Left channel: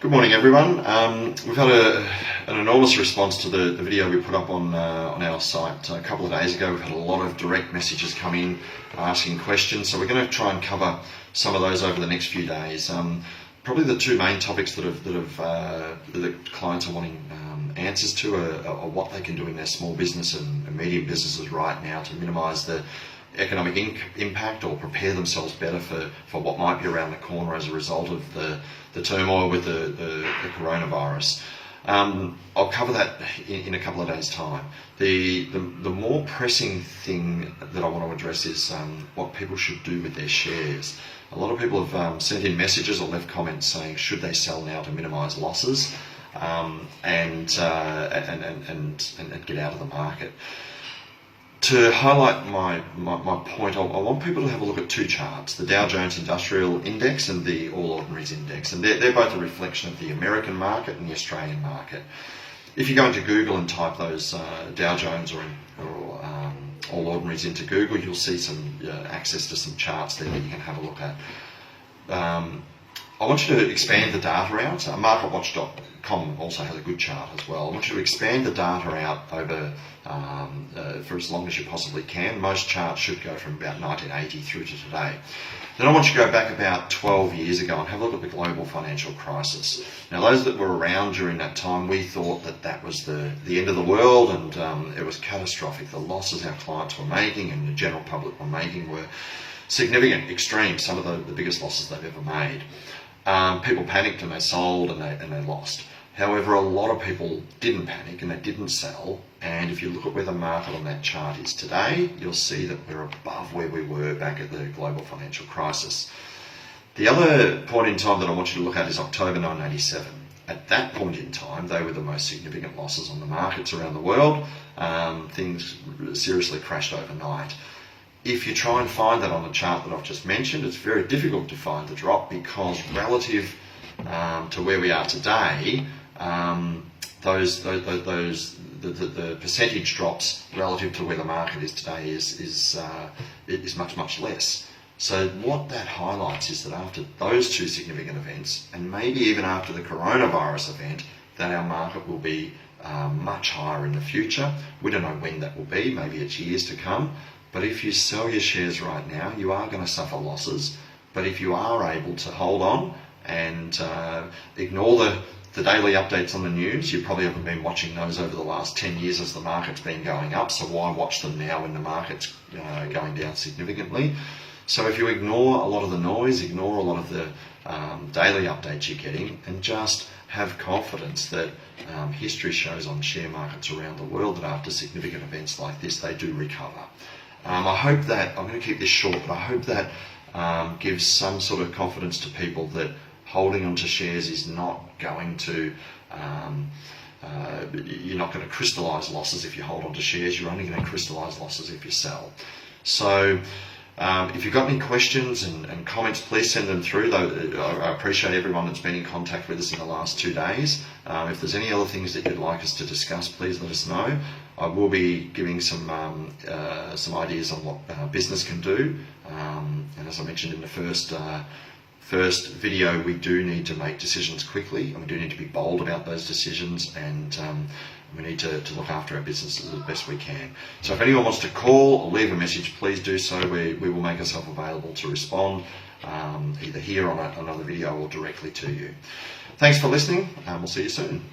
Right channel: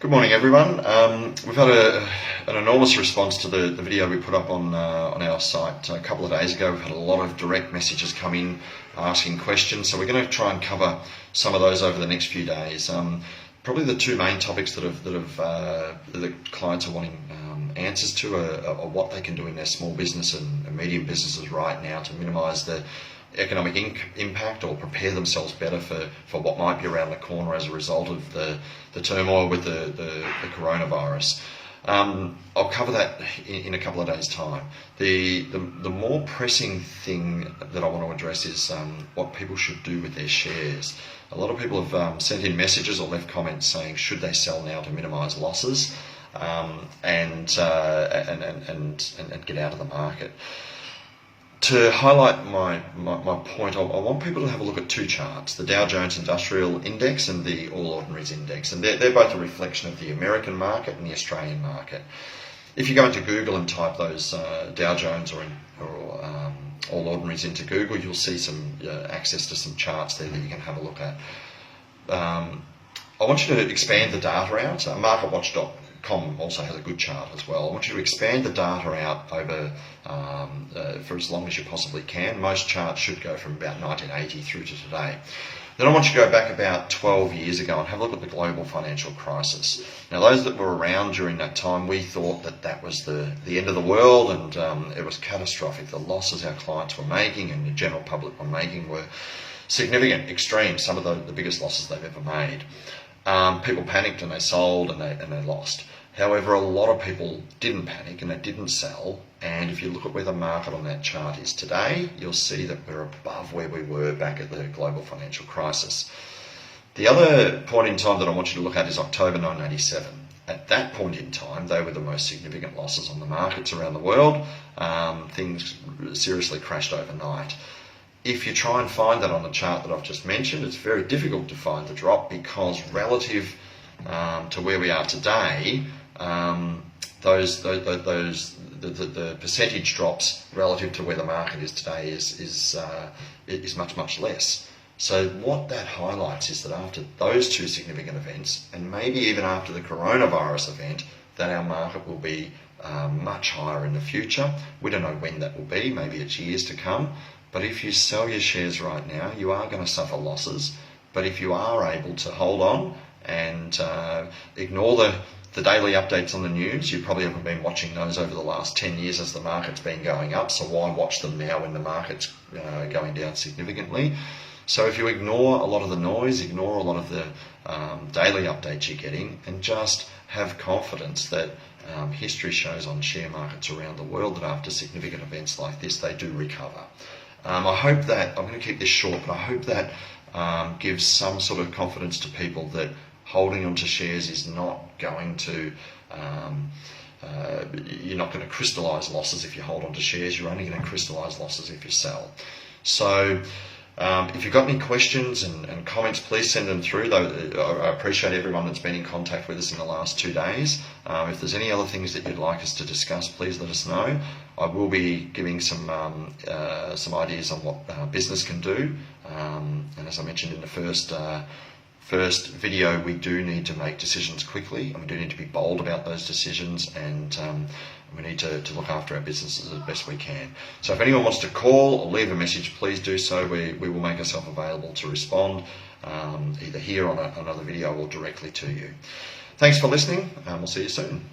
Good morning, everyone. We've had an enormous response to the video we put up on our site a couple of days ago. We've had a lot of direct messages come in asking questions, so we're going to try and cover some of those over the next few days. Probably the two main topics that the clients are wanting answers to are what they can do in their small business and medium businesses right now to minimise the economic impact or prepare themselves better for what might be around the corner as a result of the turmoil with the coronavirus. I'll cover that in a couple of days' time. The more pressing thing that I want to address is what people should do with their shares. A lot of people have sent in messages or left comments saying should they sell now to minimise losses and get out of the market. To highlight my point, I want people to have a look at two charts, the Dow Jones Industrial Index and the All Ordinaries Index, and they're both a reflection of the American market and the Australian market. If you go into Google and type those Dow Jones or All Ordinaries into Google, you'll see some access to some charts there that you can have a look at. I want you to expand the data out. MarketWatch.com also has a good chart as well. I want you to expand the data out over for as long as you possibly can. Most charts should go from about 1980 through to today. Then I want you to go back about 12 years ago and have a look at the global financial crisis. Now, those that were around during that time, we thought that was the end of the world, and it was catastrophic. The losses our clients were making and the general public were making were significant, extreme, some of the biggest losses they've ever made. People panicked and they sold and they lost. However, a lot of people didn't panic and they didn't sell, and if you look at where the market on that chart is today, you'll see that we're above where we were back at the global financial crisis. The other point in time that I want you to look at is October 1987. At that point in time, they were the most significant losses on the markets around the world. Things seriously crashed overnight. If you try and find that on the chart that I've just mentioned, it's very difficult to find the drop because relative to where we are today, the percentage drops relative to where the market is today is much less. So what that highlights is that after those two significant events, and maybe even after the coronavirus event, that our market will be much higher in the future. We don't know when that will be, maybe it's years to come. But if you sell your shares right now, you are going to suffer losses. But if you are able to hold on and ignore the daily updates on the news, you probably haven't been watching those over the last 10 years as the market's been going up, so why watch them now when the market's going down significantly? So if you ignore a lot of the noise, ignore a lot of the daily updates you're getting, and just have confidence that history shows on share markets around the world that after significant events like this, they do recover. I hope that, I'm going to keep this short, but I hope that gives some sort of confidence to people that holding onto shares is not going to, you're not going to crystallise losses if you hold onto shares, you're only going to crystallise losses if you sell. So if you've got any questions and comments, please send them through. I appreciate everyone that's been in contact with us in the last 2 days. If there's any other things that you'd like us to discuss, please let us know. I will be giving some ideas on what business can do. And as I mentioned in the first video, we do need to make decisions quickly, and we do need to be bold about those decisions, and we need to look after our businesses as best we can. So if anyone wants to call or leave a message, please do so. We will make ourselves available to respond, either here on another video or directly to you. Thanks for listening, and we'll see you soon.